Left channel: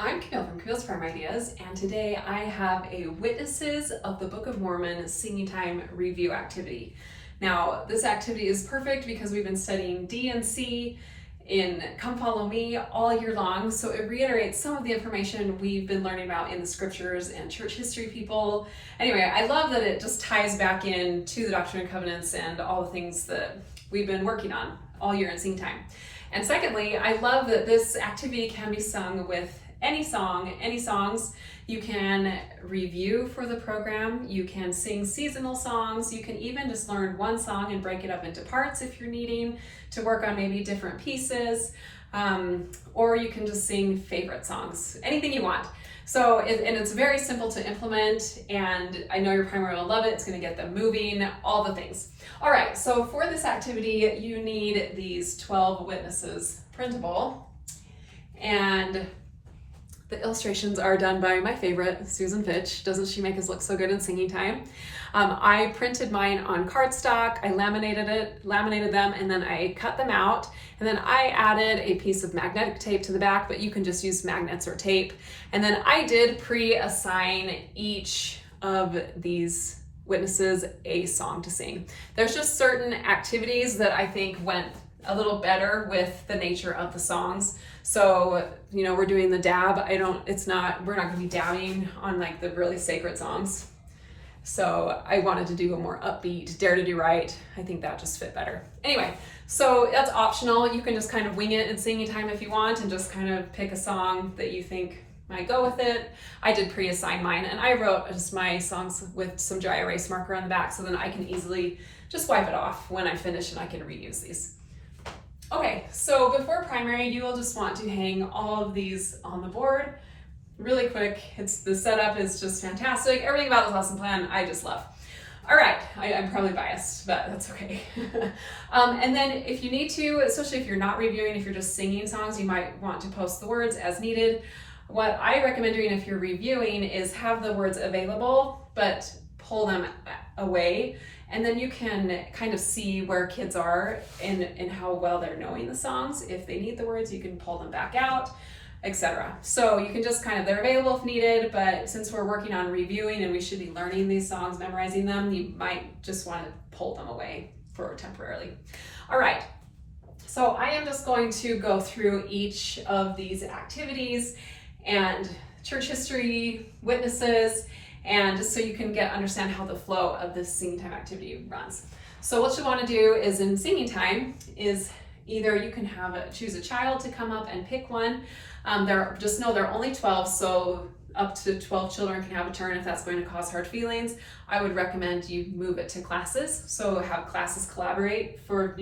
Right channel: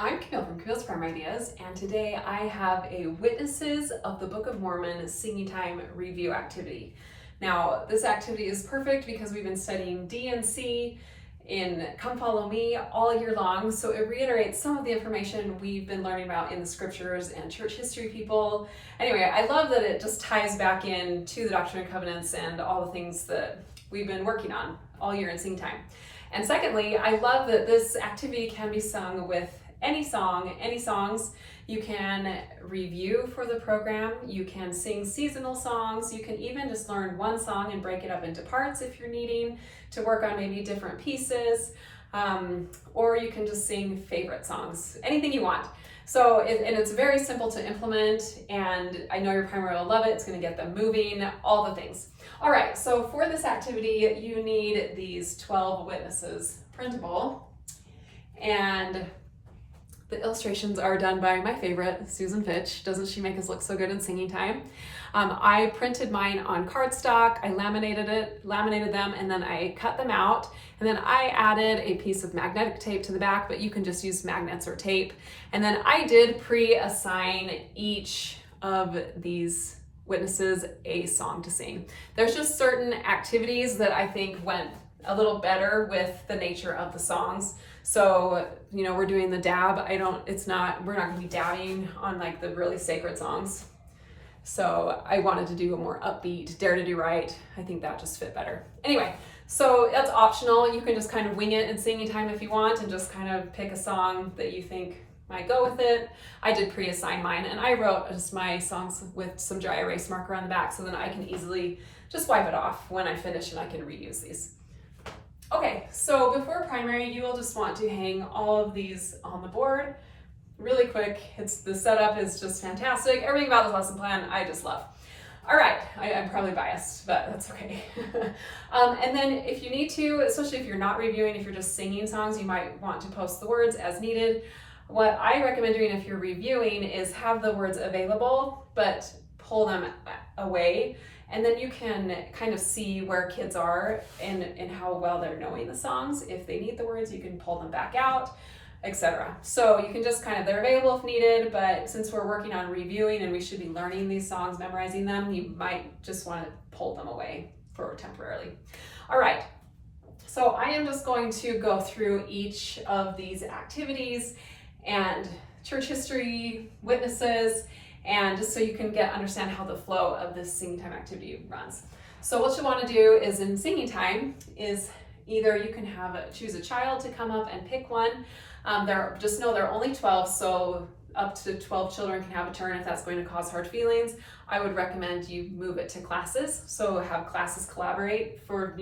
I'm Camille from Camille's Farm Ideas, and today I have a Witnesses of the Book of Mormon Singing Time review activity. Now, this activity is perfect because we've been studying D and C in Come Follow Me all year long, so it reiterates some of the information we've been learning about in the scriptures and church history people. Anyway, I love that it just ties back in to the Doctrine and Covenants and all the things that we've been working on all year in Sing Time. And secondly, I love that this activity can be sung with any song, any songs. You can review for the program, you can sing seasonal songs, you can even just learn one song and break it up into parts if you're needing to work on maybe different pieces, or you can just sing favorite songs, anything you want. So, and it's very simple to implement, and I know your primary will love it. It's going to get them moving, all the things. All right, so for this activity, you need these 12 witnesses printable, and the illustrations are done by my favorite, Susan Fitch. Doesn't she make us look so good in Singing Time? I printed mine on cardstock, I laminated them, and then I cut them out. And then I added a piece of magnetic tape to the back, but you can just use magnets or tape. And then I did pre-assign each of these witnesses a song to sing. There's just certain activities that I think went a little better with the nature of the songs. So, you know, we're doing the dab. we're not gonna be dabbing on like the really sacred songs. So I wanted to do a more upbeat, Dare to Do Right. I think that just fit better. Anyway, so that's optional. You can just kind of wing it in Singing Time if you want and just kind of pick a song that you think might go with it. I did pre-assign mine, and I wrote just my songs with some dry erase marker on the back so then I can easily just wipe it off when I finish and I can reuse these. Okay, so before primary, you will just want to hang all of these on the board really quick. The setup is just fantastic. Everything about this lesson plan I just love. All right, I'm probably biased, but that's okay. And then if you need to, especially if you're not reviewing, if you're just singing songs, you might want to post the words as needed. What I recommend doing if you're reviewing is have the words available, but pull them away. And then you can kind of see where kids are and how well they're knowing the songs. If they need the words, you can pull them back out, etc. So you can just they're available if needed, but since we're working on reviewing and we should be learning these songs, memorizing them, you might just want to pull them away for temporarily. All right, so I am just going to go through each of these activities and church history, witnesses, and just so you can understand how the flow of this Singing Time activity runs. So what you want to do is in Singing Time is either you can choose a child to come up and pick one. Just know there are only 12, so up to 12 children can have a turn if that's going to cause hard feelings. I would recommend you move it to classes. So have classes collaborate for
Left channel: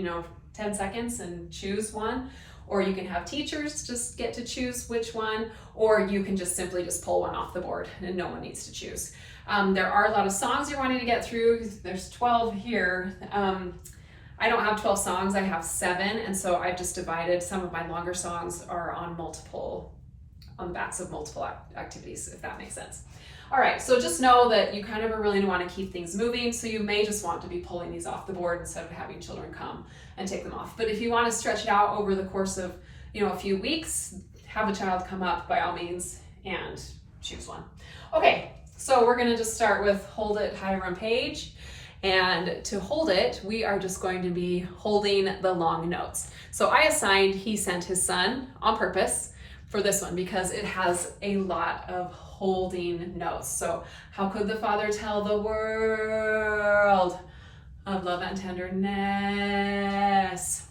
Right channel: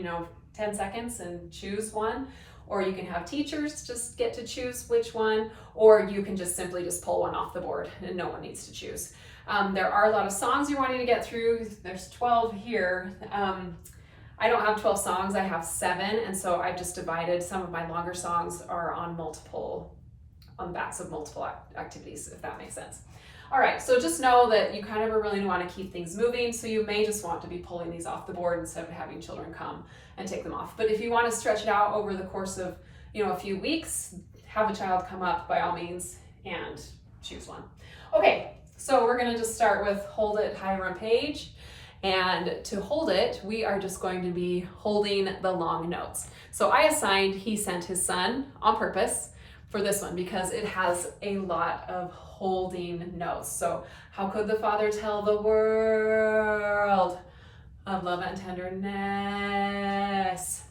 10 seconds and choose one. Or you can have teachers just get to choose which one, or you can just simply pull one off the board and no one needs to choose. There are a lot of songs you're wanting to get through. There's 12 here. I don't have 12 songs, I have 7, and so I've just divided. Some of my longer songs are on the backs of multiple activities, if that makes sense. All right, so just know that you really want to keep things moving, so you may just want to be pulling these off the board instead of having children come and take them off. But if you want to stretch it out over the course of a few weeks, have a child come up by all means and choose one. Okay, so we're going to just start with Hold It, Hiram Page. And to hold it, we are just going to be holding the long notes. So I assigned He Sent His Son on purpose for this one because it has a lot of holding notes. So how could the Father tell the world of love and tenderness?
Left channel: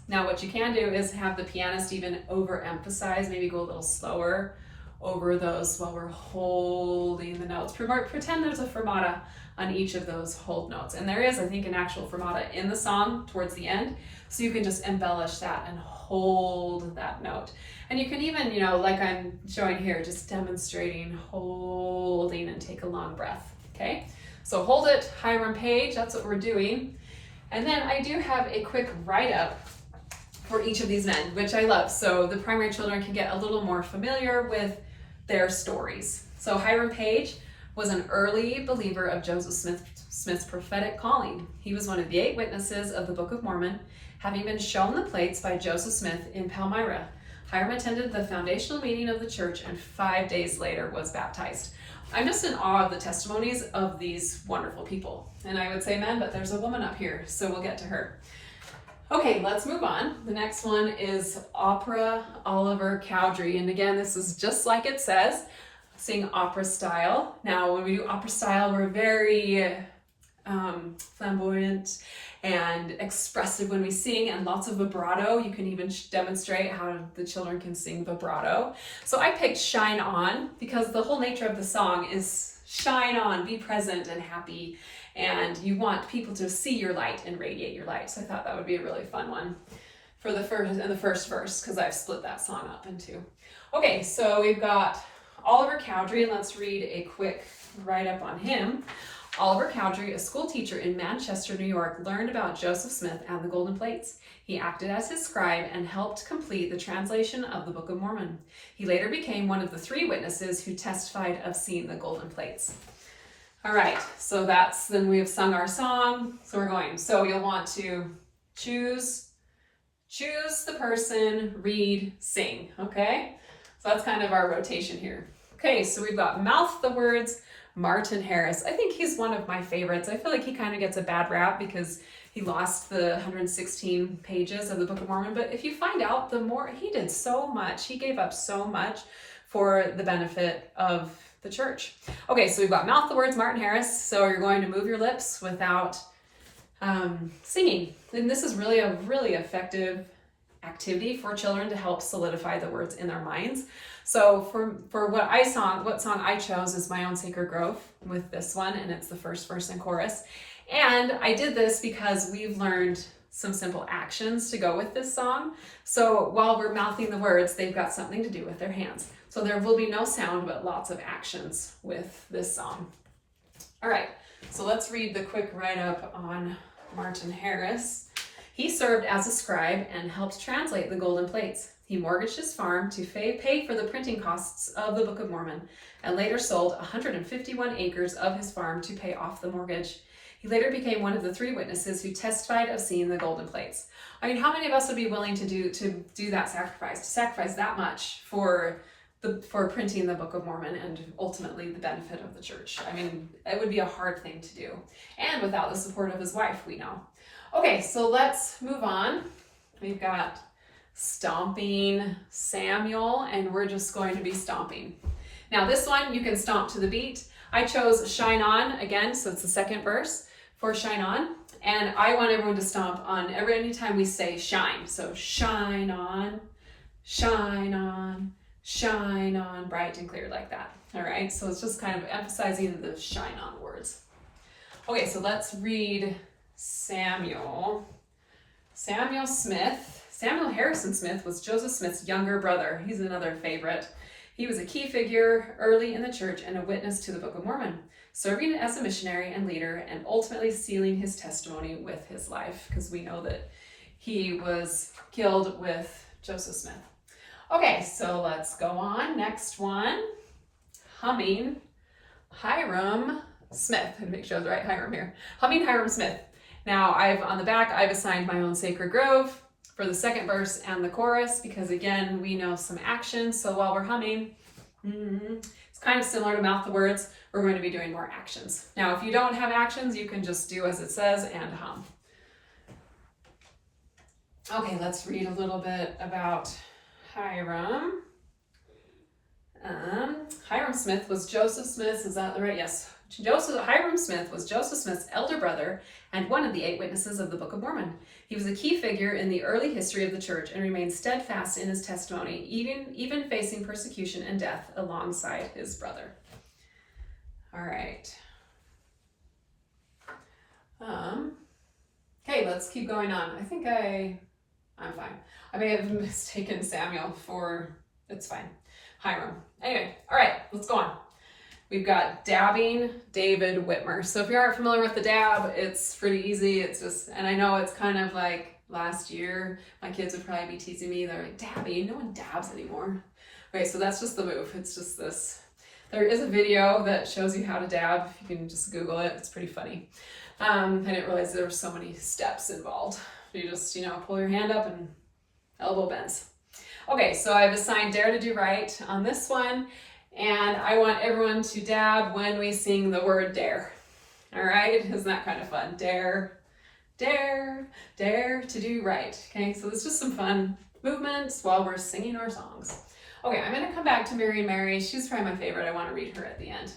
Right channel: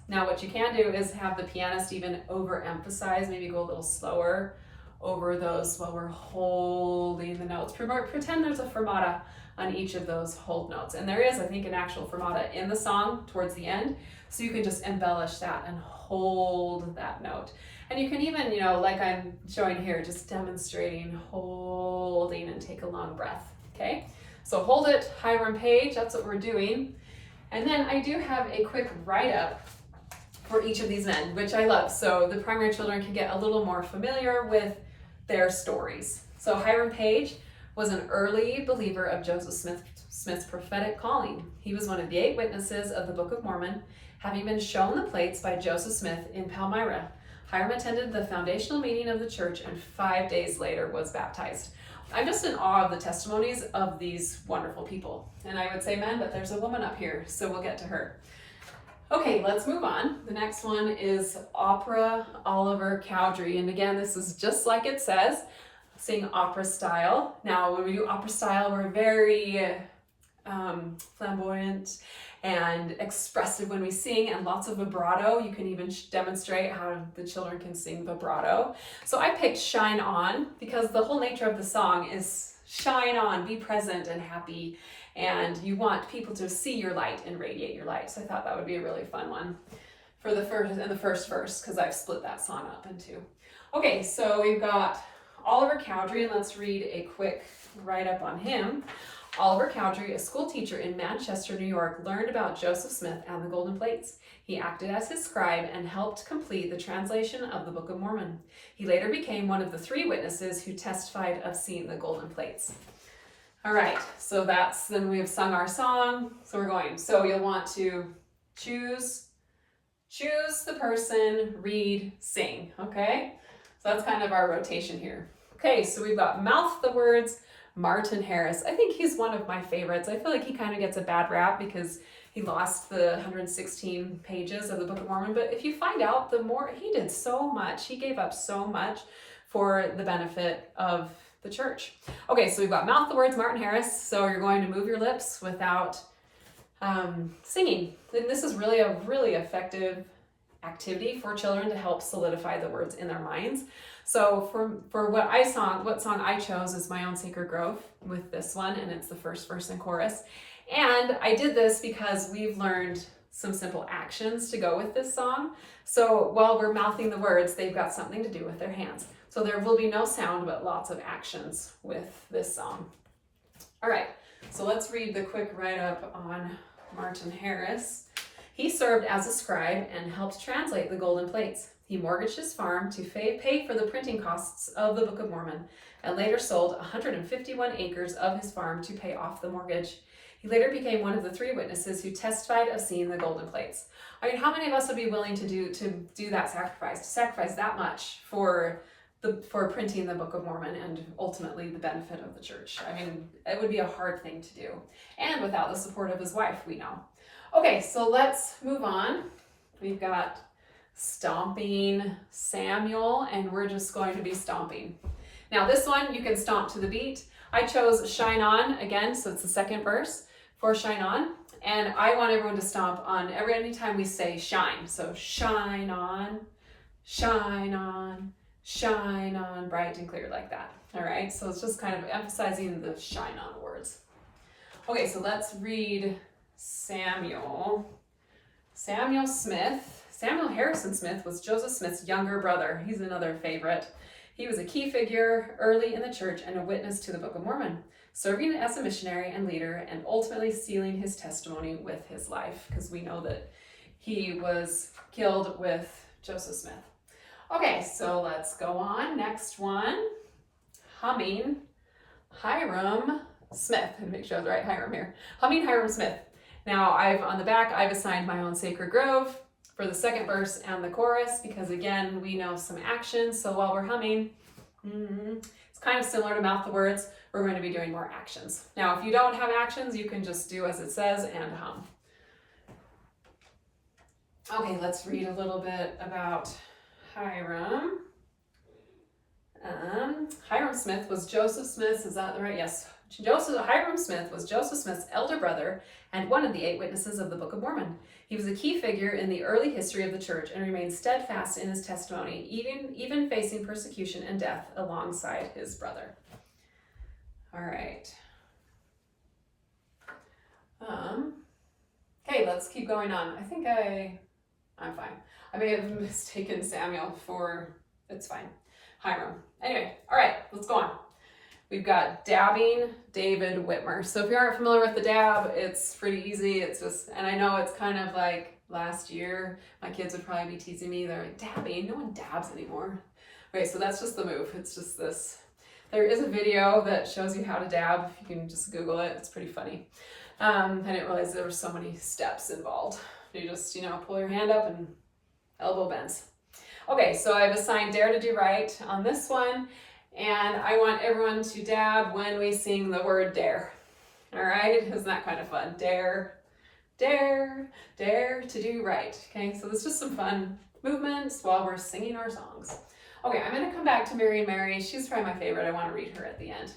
Now what you can do is have the pianist even overemphasize, maybe go a little slower over those while we're holding the notes. Pretend there's a fermata on each of those hold notes. And there is, I think, an actual fermata in the song towards the end. So you can just embellish that and hold that note. And you can even, like I'm showing here, just demonstrating holding and take a long breath, okay? So hold it, Hiram Page, that's what we're doing. And then I do have a quick write-up for each of these men, which I love. So the primary children can get a little more familiar with their stories. So Hiram Page was an early believer of Joseph Smith's prophetic calling. He was one of the 8 witnesses of the Book of Mormon, having been shown the plates by Joseph Smith in Palmyra. Hiram attended the foundational meeting of the church and 5 days later was baptized. I'm just in awe of the testimonies of these wonderful people. And I would say men, but there's a woman up here, so we'll get to her. Okay, let's move on. The next one is Opera Oliver Cowdery. And again, this is just like it says, sing opera style. Now, when we do opera style, we're very flamboyant and expressive when we sing, and lots of vibrato. You can even demonstrate how the children can sing vibrato. So I picked Shine On because the whole nature of the song is shine on, be present and happy, and you want people to see your light and radiate your light. So I thought that would be a really fun one for the first verse, because I've split that song up in two. Okay, so we've got Oliver Cowdery, and let's read a quick write-up on him. Oliver Cowdery, a school teacher in Manchester, New York, learned about Joseph Smith and the golden plates. He acted as his scribe and helped complete the translation of the Book of Mormon. He later became one of the 3 witnesses who testified of seeing the golden plates. All right, so then we have sung our song. So we're going. So you'll want to choose the person, read, sing, okay? So that's kind of our rotation here. Okay, so we've got Mouth the Words, Martin Harris. I think he's one of my favorites. I feel like he kind of gets a bad rap because he lost the 116 pages of the Book of Mormon. But if you find out, he did so much. He gave up so much for the benefit of the church. Okay, so we've got Mouth the Words, Martin Harris. So you're going to move your lips without singing. And this is really a really effective activity for children to help solidify the words in their minds. So for what song I chose is My Own Sacred Grove with this one, and it's the first verse and chorus. And I did this because we've learned some simple actions to go with this song. So while we're mouthing the words, they've got something to do with their hands. So there will be no sound, but lots of actions with this song. All right, so let's read the quick write-up on Martin Harris. He served as a scribe and helped translate the golden plates. He mortgaged his farm to pay for the printing costs of the Book of Mormon, and later sold 151 acres of his farm to pay off the mortgage. He later became one of the 3 witnesses who testified of seeing the golden plates. I mean, how many of us would be willing to do that sacrifice, to sacrifice that much for printing the Book of Mormon and ultimately the benefit of the church? I mean, it would be a hard thing to do, and without the support of his wife, we know. Okay, so let's move on. We've got Stomping Samuel, and we're just going to be stomping. Now this one, you can stomp to the beat. I chose Shine On again, so it's the second verse for Shine On. And I want everyone to stomp on anytime we say shine. So shine on, shine on, shine on, bright and clear like that. All right, so it's just kind of emphasizing the shine on words. Okay, so let's read Samuel Smith. Samuel Harrison Smith was Joseph Smith's younger brother. He's another favorite. He was a key figure early in the church and a witness to the Book of Mormon, serving as a missionary and leader and ultimately sealing his testimony with his life, because we know that he was killed with Joseph Smith. Okay, so let's go on. Next one, Humming Hiram Smith. Make sure I was right, Hiram here. Humming Hiram Smith. Now on the back, I've assigned My Own Sacred Grove for the second verse and the chorus, because again, we know some actions. So while we're humming, it's kind of similar to Mouth the Words. We're going to be doing more actions. Now, if you don't have actions, you can just do as it says and hum. Okay, let's read a little bit about Hiram. Hiram Smith was Joseph Smith's, is that right? Yes. Hiram Smith was Joseph Smith's elder brother and one of the 8 witnesses of the Book of Mormon. He was a key figure in the early history of the church and remained steadfast in his testimony, even facing persecution and death alongside his brother. All right. Okay, let's keep going on. I think I'm fine. I may have mistaken Samuel for, it's fine, Hiram. Anyway, all right, let's go on. We've got Dabbing David Whitmer. So if you aren't familiar with the dab, it's pretty easy. It's just, and I know it's kind of like last year, my kids would probably be teasing me. They're like, dabbing? No one dabs anymore. Okay, so that's just the move. It's just this. There is a video that shows you how to dab. You can just Google it. It's pretty funny. I didn't realize there were so many steps involved. You just, pull your hand up and elbow bends. Okay, so I've assigned Dare to Do Right on this one, and I want everyone to dab when we sing the word dare. All right, isn't that kind of fun? Dare, dare, dare to do right. Okay, so it's just some fun movements while we're singing our songs. Okay, I'm gonna come back to Mary and Mary. She's probably my favorite. I wanna read her at the end.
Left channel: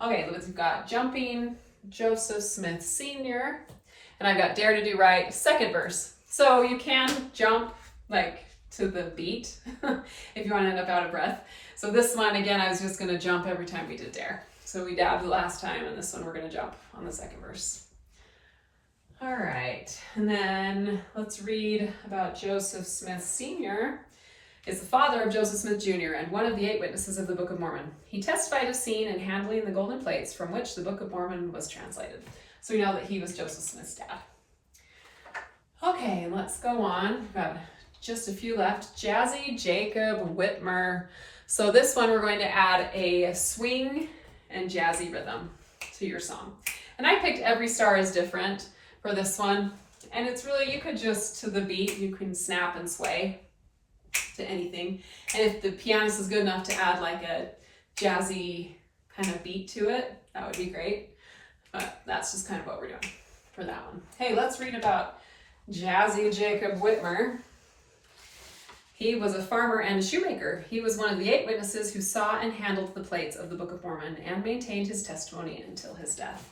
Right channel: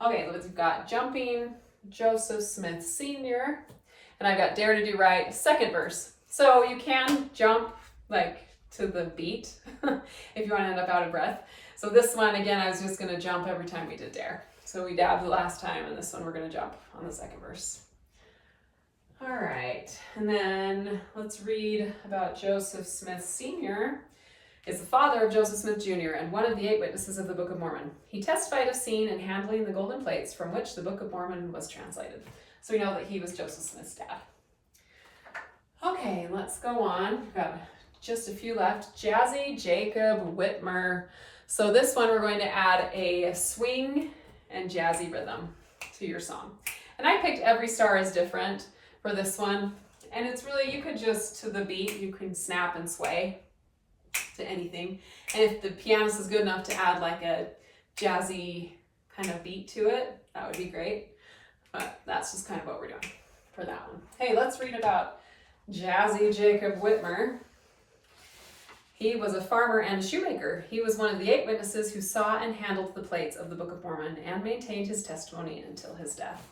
Okay, we've got Jumping Joseph Smith Sr. And I've got Dare to Do Right, second verse. So you can jump like to the beat if you want to end up out of breath. So this one, again, I was just going to jump every time we did dare. So we dabbed the last time, and this one we're going to jump on the second verse. All right, and then let's read about Joseph Smith Sr. is the father of Joseph Smith Jr. and one of the 8 witnesses of the Book of Mormon. He testified of seeing and handling the golden plates from which the Book of Mormon was translated. So we know that he was Joseph Smith's dad. Okay, let's go on. We've got just a few left. Jazzy Jacob Whitmer. So this one we're going to add a swing and jazzy rhythm to your song. And I picked Every Star is Different for this one. And it's really, you could just, to the beat, you can snap and sway to anything. And if the pianist is good enough to add like a jazzy kind of beat to it, that would be great. But that's just kind of what we're doing for that one. Hey, let's read about Jazzy Jacob Whitmer. He was a farmer and a shoemaker. He was one of the 8 witnesses who saw and handled the plates of the Book of Mormon and maintained his testimony until his death.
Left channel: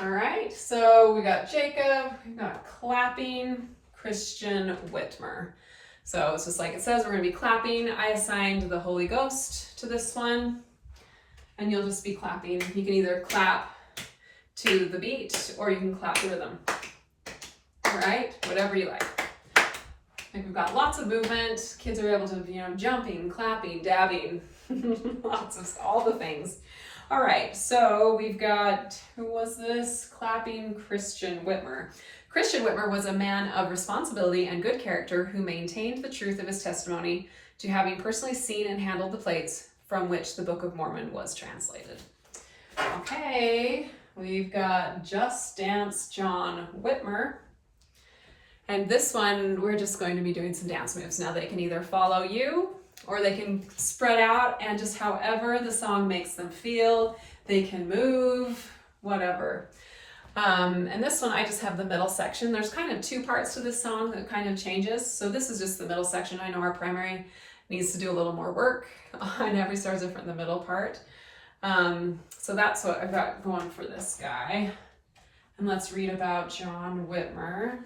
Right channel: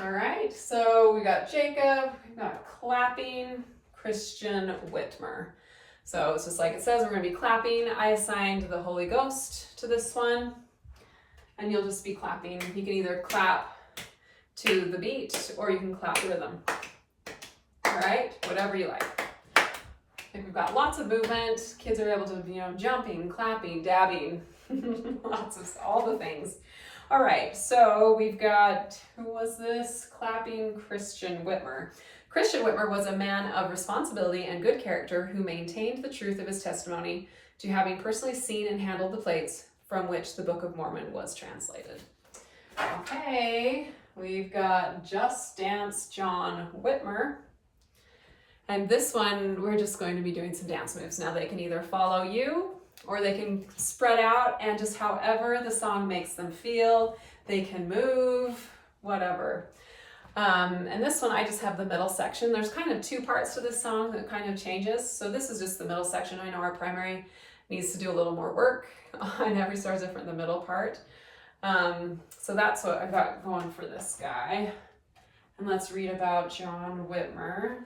All right, so we got Jacob, we've got clapping Christian Whitmer. So it's just like it says, we're going to be clapping. I assigned the Holy Ghost to this one, and you'll just be clapping. You can either clap to the beat or you can clap the rhythm. All right, whatever you like. And we've got lots of movement. Kids are able to, jumping, clapping, dabbing, lots of all the things. All right, so we've got, who was this? Clapping Christian Whitmer. Christian Whitmer was a man of responsibility and good character who maintained the truth of his testimony to having personally seen and handled the plates from which the Book of Mormon was translated. Okay, we've got Just Dance John Whitmer. And this one, we're just going to be doing some dance moves. Now they can either follow you or they can spread out and just however the song makes them feel, they can move, whatever. And this one, I just have the middle section. There's kind of 2 parts to this song that kind of changes. So this is just the middle section. I know our primary needs to do a little more work on Every Star is Different, the middle part. So that's what I've got going for this guy. And let's read about John Whitmer.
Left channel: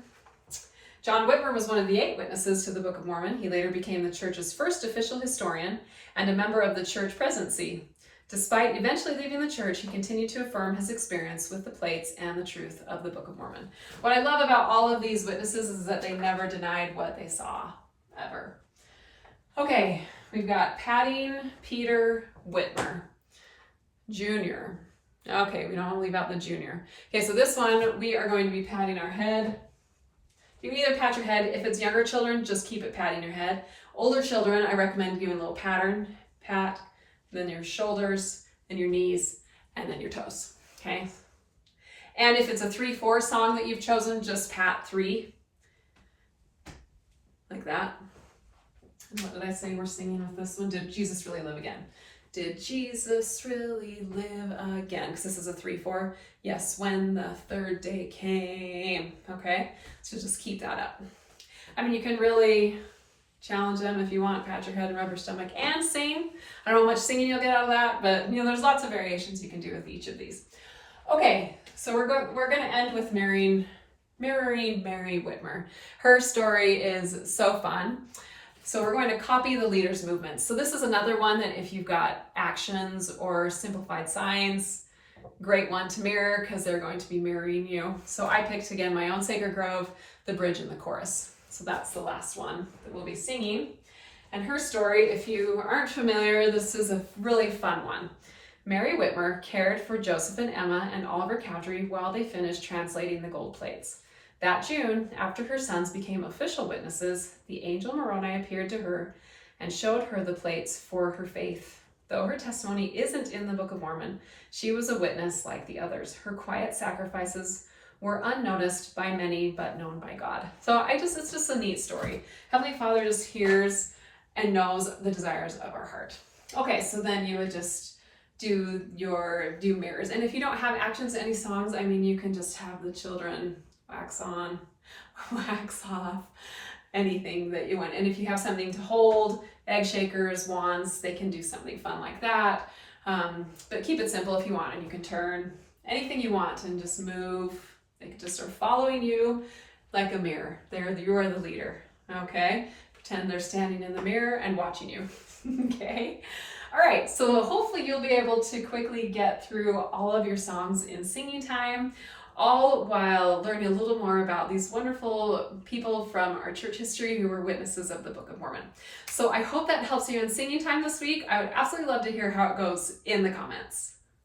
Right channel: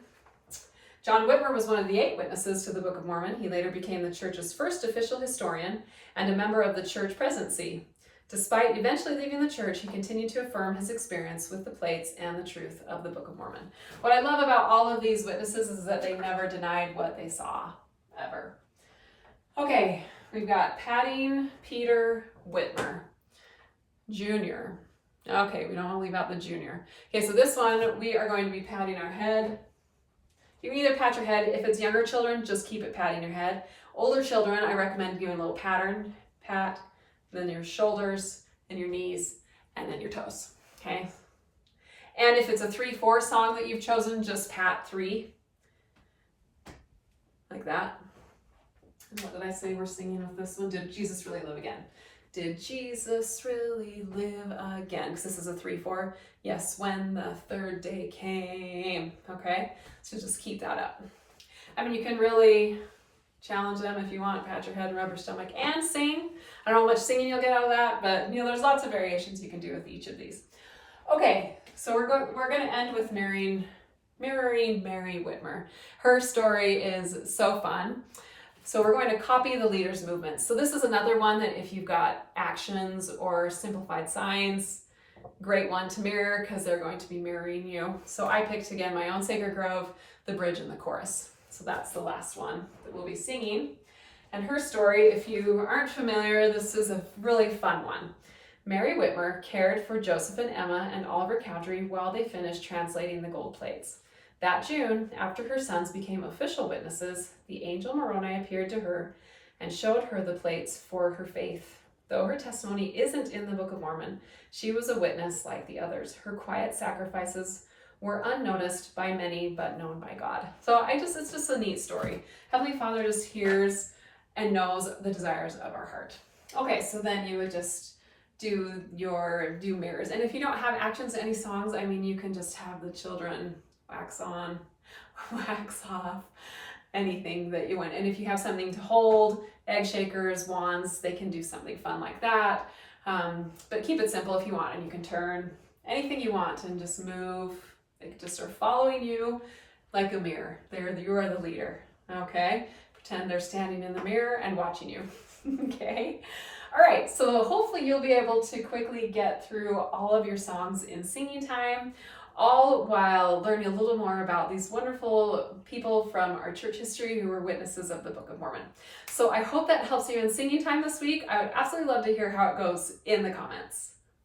John Whitmer was one of the 8 witnesses to the Book of Mormon. He later became the church's first official historian and a member of the church presidency. Despite eventually leaving the church, he continued to affirm his experience with the plates and the truth of the Book of Mormon. What I love about all of these witnesses is that they never denied what they saw, ever. Okay, we've got Patting Peter Whitmer, Jr. Okay, we don't want to leave out the junior. Okay, so this one, we are going to be patting our head. You can either pat your head. If it's younger children, just keep it patting your head. Older children, I recommend giving a little pattern. Pat, then your shoulders, and your knees, and then your toes, okay? And if it's a 3/4 song that you've chosen, just pat 3, like that. And what did I say we're singing with this one? Did Jesus really live again? Did Jesus really live again? Because this is a 3/4. Yes, when the 3rd day came. Okay, so just keep that up. I mean, you can really challenge them if you want. Pat your head and rub your stomach and sing. I don't know how much singing you'll get out of that, but there's lots of variations you can do with each of these. Okay, so we're going to end with mirroring Mary Whitmer. Her story is so fun. So we're going to copy the leader's movements. So this is another one that if you've got actions or simplified signs, great one to mirror because they're going to be mirroring you. So I picked again my own Sacred Grove, the bridge and the chorus. So that's the last one that we'll be singing. And her story, if you aren't familiar, this is a really fun one. Mary Whitmer cared for Joseph and Emma and Oliver Cowdery while they finished translating the gold plates. That June, after her sons became official witnesses, the angel Moroni appeared to her and showed her the plates for her faith. Though her testimony isn't in the Book of Mormon, she was a witness like the others. Her quiet sacrifices were unnoticed by many, but known by God. So it's just a neat story. Heavenly Father just hears and knows the desires of our heart. Okay, so then you would just do mirrors. And if you don't have actions to any songs, I mean, you can just have the children wax on, wax off, anything that you want. And if you have something to hold, egg shakers, wands, they can do something fun like that. But keep it simple if you want, and you can turn anything you want and just move. They can just start following you like a mirror. You are the leader, okay? Pretend they're standing in the mirror and watching you, okay? All right, so hopefully you'll be able to quickly get through all of your songs in singing time, all while learning a little more about these wonderful people from our church history who were witnesses of the Book of Mormon. So I hope that helps you in singing time this week. I would absolutely love to hear how it goes in the comments.